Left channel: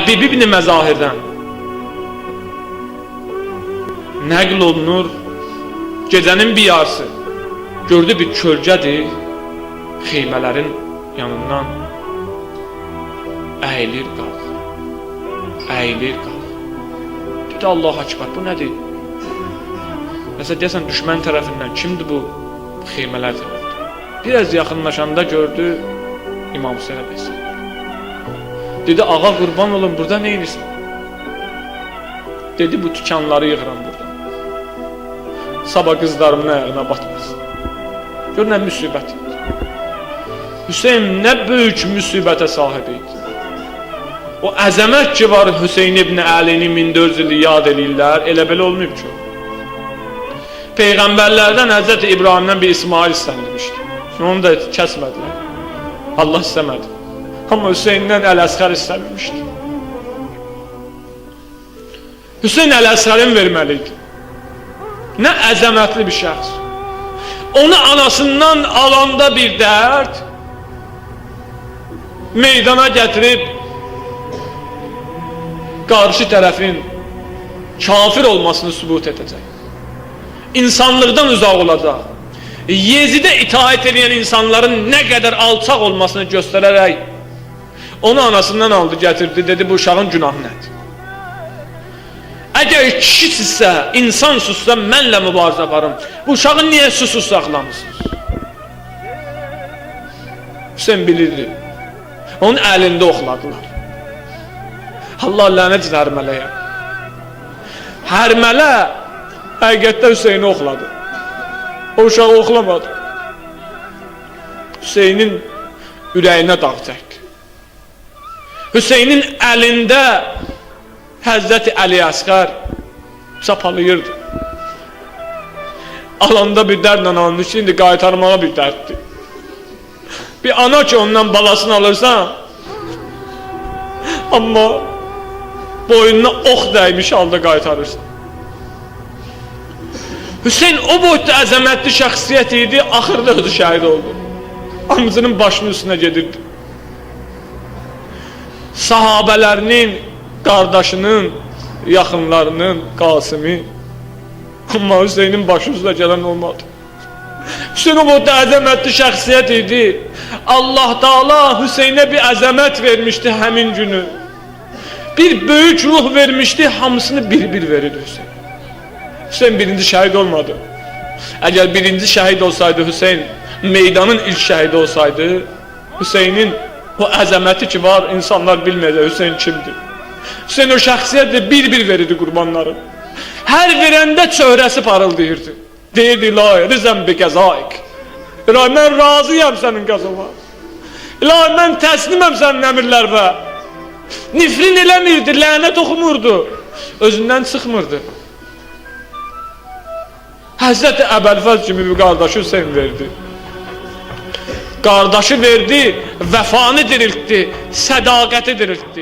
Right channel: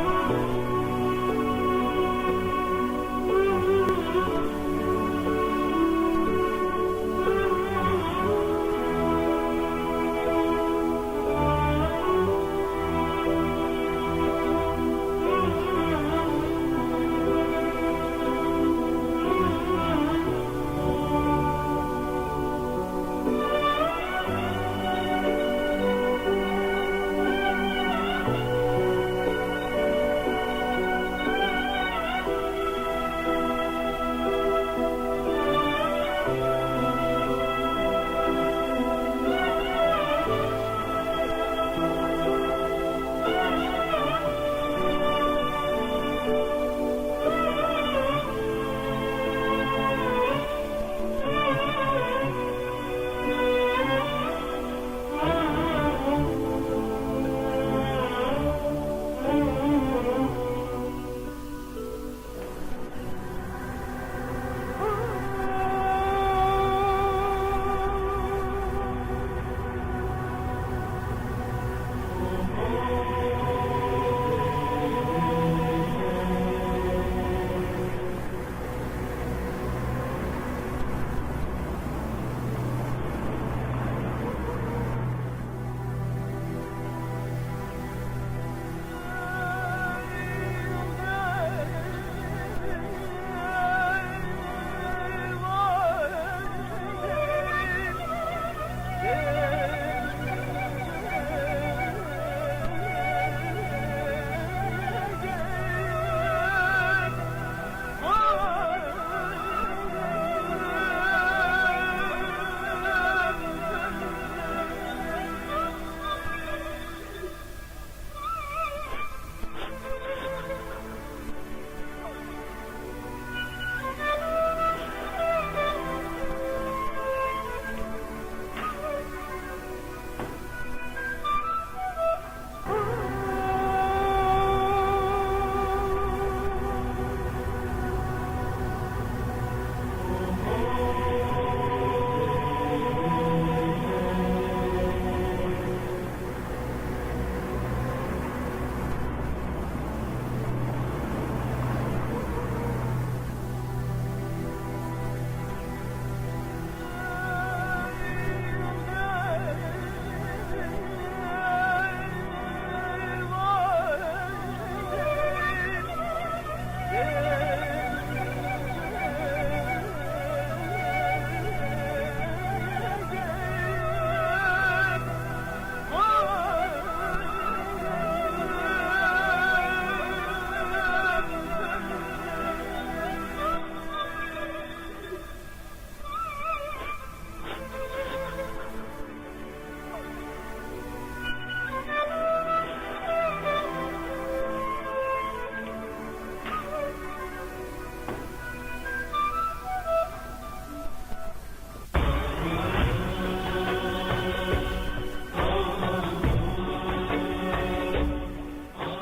Həbib ibn Məzahirdən nəql olunur, gecənin bir yarısı gördü bir kölgədir, xeymələrin yanından əyilir qalx, əyilir qalx. Dedi, Allah akbar, bu nədir? Mesela deyəsən düşmən tərəfindən kimdir bu xeymələr tərəfindən? Biraz yaxınlaşanda gördü İmam Hüseyin əleyhisselam. Dedi, ağa qurban olun, burada nə edirsən? Dedi, bu tükanları yığıram burada. Sabah qızlarımın ayağına batmasın. Gör nə müsibət. Hüseyin nə böyük müsibətə sahib idi. O əzəmət ki var Hüseyin ibn Əlini 1400 ili yad edirlər, elə belə olmayıb ki. Peyğəmbərlərdən Həzrəti İbrahimdən bir İsmail istənilmişdi. Onu da kəsmədi. Allah istəmədi. Amma Hüseyndən Əl-Əsqər istənilmişdi. Hüseyin Əl-Əsqərin verməliydi. Nə əzəmətli bir şəxs. Onu anasından alanda bir dərd meydana gətirib qarşı tərəfin kafir olmasını sübut edəcək. İnsanlıqdan uzaq olacaq. Yezidə itaət edən insanların nə qədər alçaq olmasını göstərərək onu anasından aldı, gətirdi, dedi, bu uşağın günahı nədir? Əgər kişisinizsə, insansızsa mənlə mübarizə aparım. Bu uşağı niyə susuz saxlamışsınız? Hüseyin bilirdi. Onun əlində oxladılar. Allah lənət hərmələyə. Hərmələ həqiqətdə Hüseyini oxladı. O uşağı oxlamadı. Hüseynin ürəyinə dağ çəkdi. Hüseynin əlində Həzrəti Əli Əsqər çapalayırdı. Alanda bir dərdlə almış, indi qaytarmağa bir dərddir. Bir ana ki ondan balasını alırsan, amma boynuna ox dəymiş halda qaytarırsan. Hüseyin o boyutda əzəmətli şəxsiyyət idi, axırda özü şəhid oldu. Amcının başının üstünə gedirdi. Sahabələrinin, qardaşının, yaxınlarının, Qasimi. Amma Hüseynin başı üstə gələn olmadı. Hüseyin o boyutda əzəmətli şəxsiyyət idi. Allah Taala Hüseynə bir əzəmət vermişdi həmin günü. Bir böyük ruh vermişdi, hamısını bir-bir verirdi Hüseyin. Hüseyin birinci şəhid olmadı. Əgər birinci şəhid olsaydı Hüseyin, meydanın ilk şəhidi olsaydı, Hüseynin o əzəməti ki var, insanlar bilməyəcək Hüseyin kimdir. Hüseyin o şəxsiyyətlə bir-bir verirdi qurbanları. Hər verəndə çöhrəsi parıldayırdı. Deyirdi, ilahi, rizəm bi qəzaik. İlahi, mən razıyam sənin qazama. İlahi, mən təsliməm sənin əmirlərinə. Nifrin eləmirdi, lənət oxumurdu. Özündən çıxmırdı. Həzrəti Əbəlfəz kimi bir qardaşı Hüseyin verdi. Qardaşı verdi, vəfanı diriltdi, sədaqəti diriltdi.